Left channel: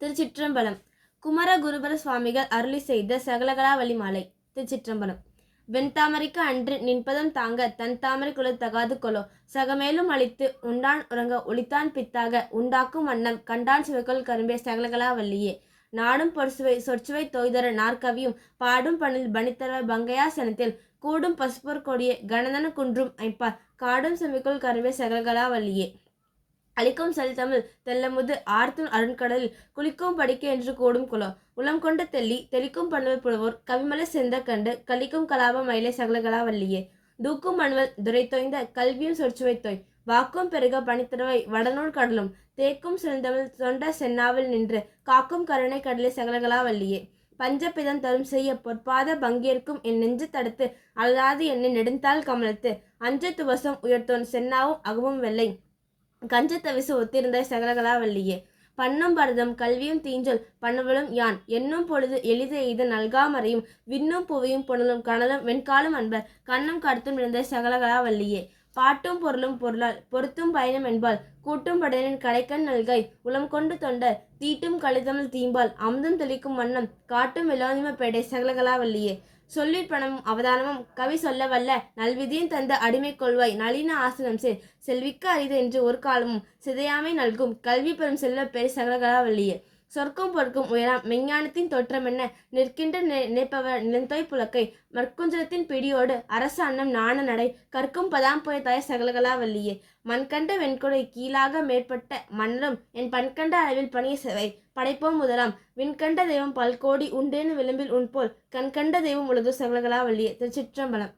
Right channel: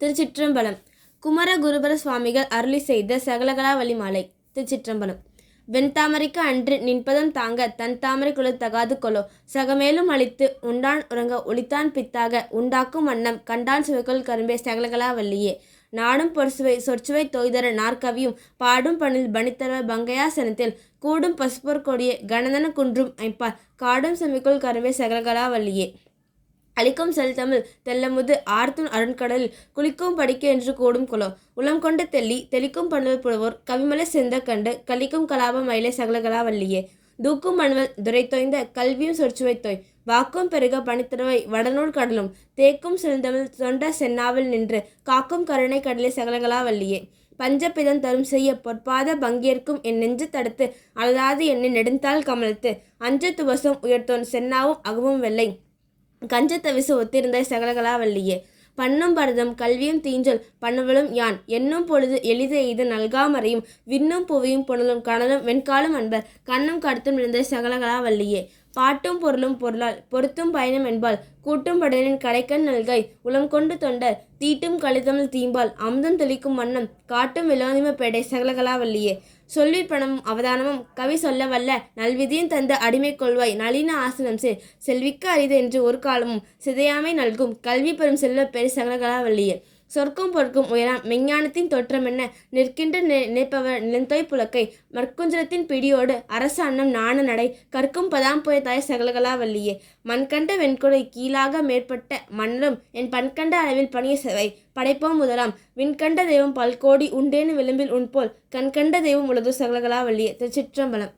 திருச்சிற்றம்பலம். குமரகுருபர சுவாமிகள் அருளி செய்த சகலகலா வழிமாலை திருச்சிற்றம்பலம். வெண்தாமரைக்கு அன்று நின்பதம் தாங்க தன் தாமரை குலத்தகாது கொலோ. சகமேலும் அழித்து உண்டான் உறங்க ஒளித்தான் பித்தாக. உண்டாக்கும் வண்ணம் கண்டான் சுவைக்குள் கரும்பே சகலகலா வல்லியே. நாடும் பொற்சுவை சொற்சுவை தொய்தர நாற்கவியும் பாடும் பணில் பணித்தர பங்கையாசனத்தில் கூடும் பசுப்பொற் கொடியே கணதன குன்றும் ஐப்பார். காடும் செமிக்குள் கரும்பே சகலகலா வல்லியே. அளிக்கும் செல்தமிழ் தெல்லமுது ஆர்த்துன் அருண்கடலில் குளிக்கும் படிக்க என்று கூடும் குலம் உளம் கொண்ட தெள்ளி தெளிக்கும் பண்ணுவல் புலவோர் கவிமலை செந்த கண்டு கலிக்கும் கலாப மயிலை சகலகலா வள்ளியே. தூக்கும் மண்வல் துரை கல்வியும் சொற்சுவை தோய். வாக்கும் பெருக பனித்திறவை வடநூல் கடலும் தேக்கும் செழுந்தமிழ் தொண்ட சென்னாவில் நின்று காக்கும் கருணை கடலை சகலகலா வள்ளியே. பஞ்சபிதம் தரும் செய்ய பொற்பாத பங்கேற்கும் என் நெஞ்சு தடுத்து அழலாது என்னை நெடுந்தாள் கமலத்து அஞ்ச துவசம் உயர்த்தோன் சென்னாவும் அகவும் வெள்ளை. கஞ்சத்தவிசு ஒத்திருந்த சகலகலாவல்லியே. பண்ணும் பரதம் கல்வியும் தீஞ்சல் பண்ணுவலும் யான். என்னும் பொழுது எளித எய்து நல்காமறையும் விண்ணும் புவியும் புனலும் கனலும் வெண்காலும் அன்பர். கண்ணும் கருத்தும் இருந்த சகலகலாவல்லியே. பாட்டும் பொருளும் பொருளால் பொருத்தும் பயணம் என்பால் கூட்டும் படலின் கடைக்கண் நல்கை உளம் கொண்டு தொண்டர் தீட்டும் கலிதமிழ் தீம்பால் அமுதம் தெளிக்கும் வண்ணம் காட்டும் விலோதிம பேடை சகலகலாவல்லியே. சொல்லி பணமும் அவதானமும் கவி சொல்ல வல்ல நல்விதியும் தந்த அடிமை கொள்வாய் நளின ஆசனம் சேர் செல்விக்க அரிது என்று ஒரு காலமும் சிதையாமை நல்கும் கல்வி பெறும் செல்வ பெரு சகலகலாவல்லியே. சொர்க்கம் பொற்கும் உயரம் மெஞ்ஞானத்தின் தோற்றம் என்ன? நிற்கின்ற நினைப்பவர் நிலந்தோய் புலக்கை. மற்குஞ்சலத்தின் பிடியோடு அரச அன்னம் நாண நடை. கற்கும் பதாம் போய் தாய் சகலகலா வள்ளியே மண்கண்ட வெண்கொடை கீழாக மேற்பட்ட மன்னரும் என் பண்கண்ட அளவில் பணிய செவை. படைப்போம் முதலாம். விண்கண்ட தெய்வம் பல்கோடி உண்டேன்னு விளிம்பில் உன்போல் கண்கண்ட தெய்வம் உலகு சகலகலா வள்ளியே திருச்சிற்றம்பலம்.